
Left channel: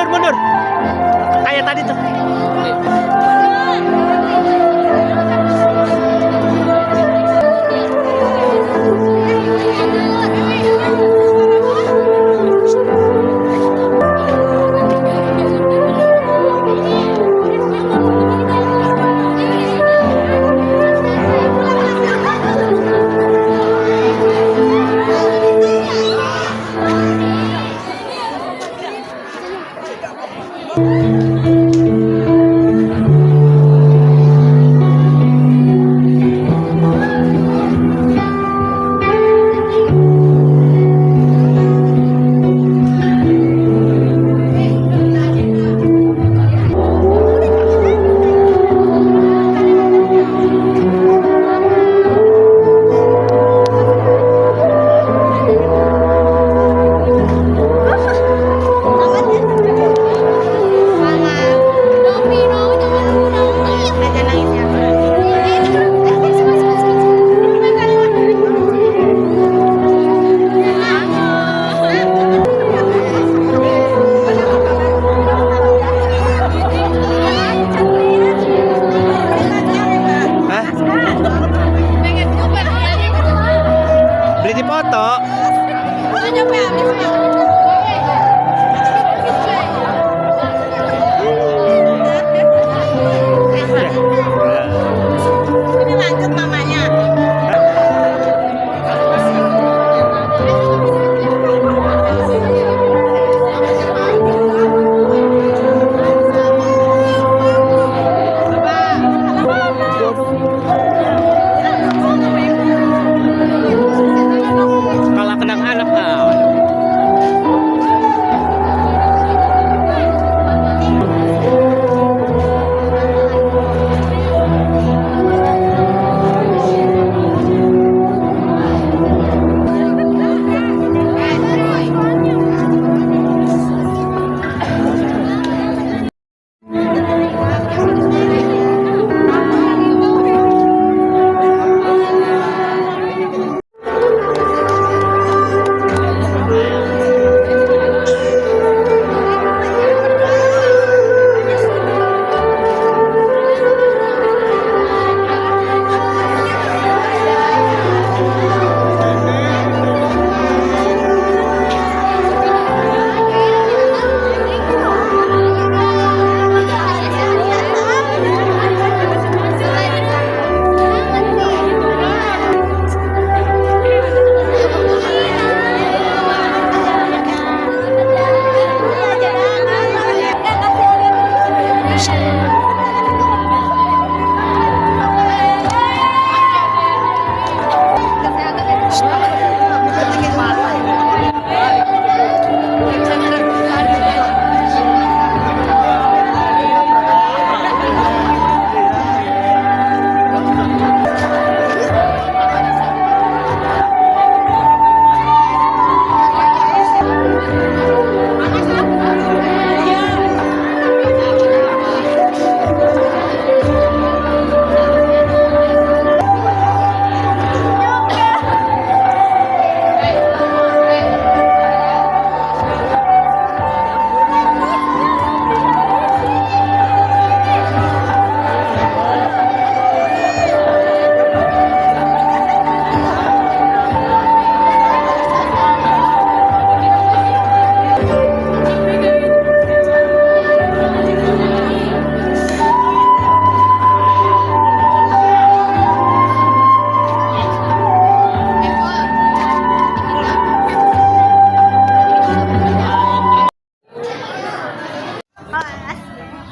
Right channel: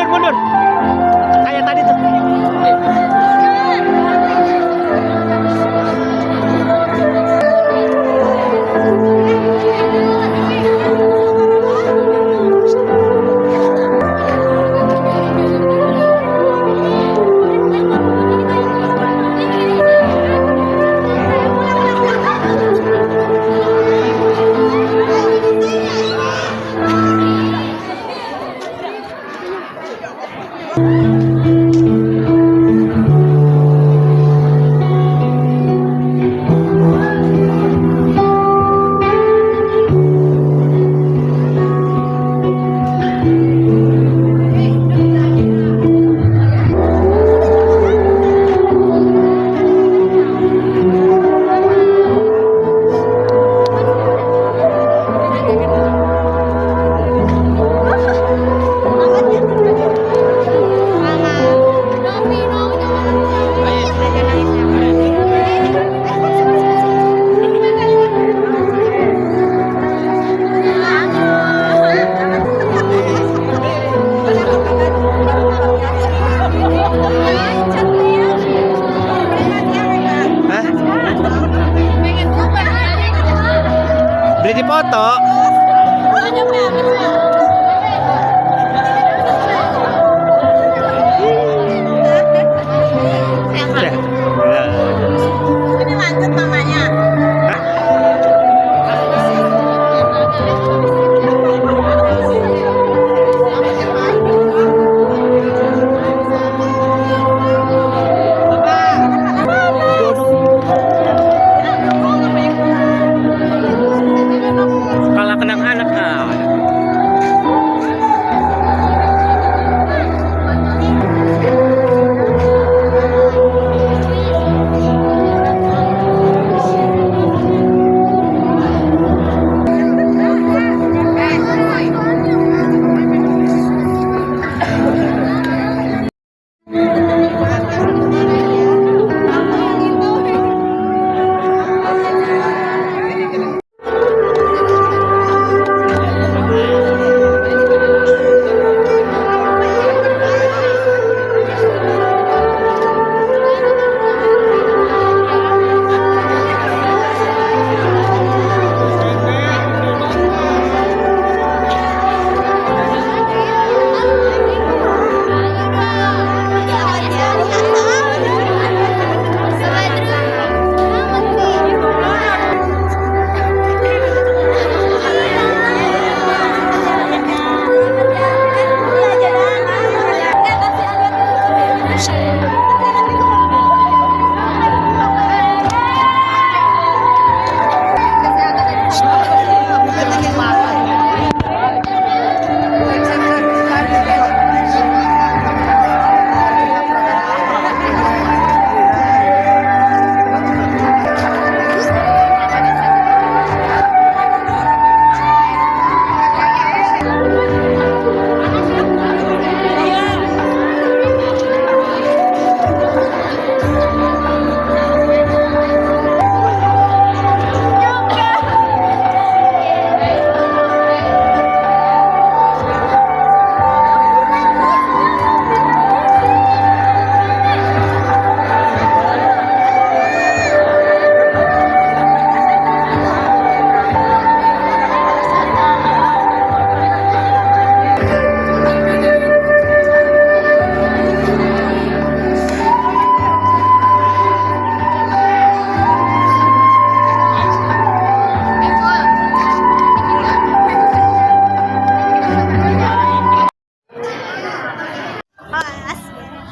mundur. Kayak tadi tuh.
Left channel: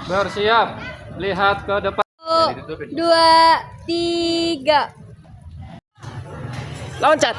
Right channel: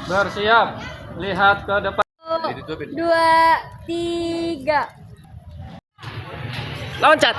Bersiap. Lihat ke depan. 2, 3. Loncat.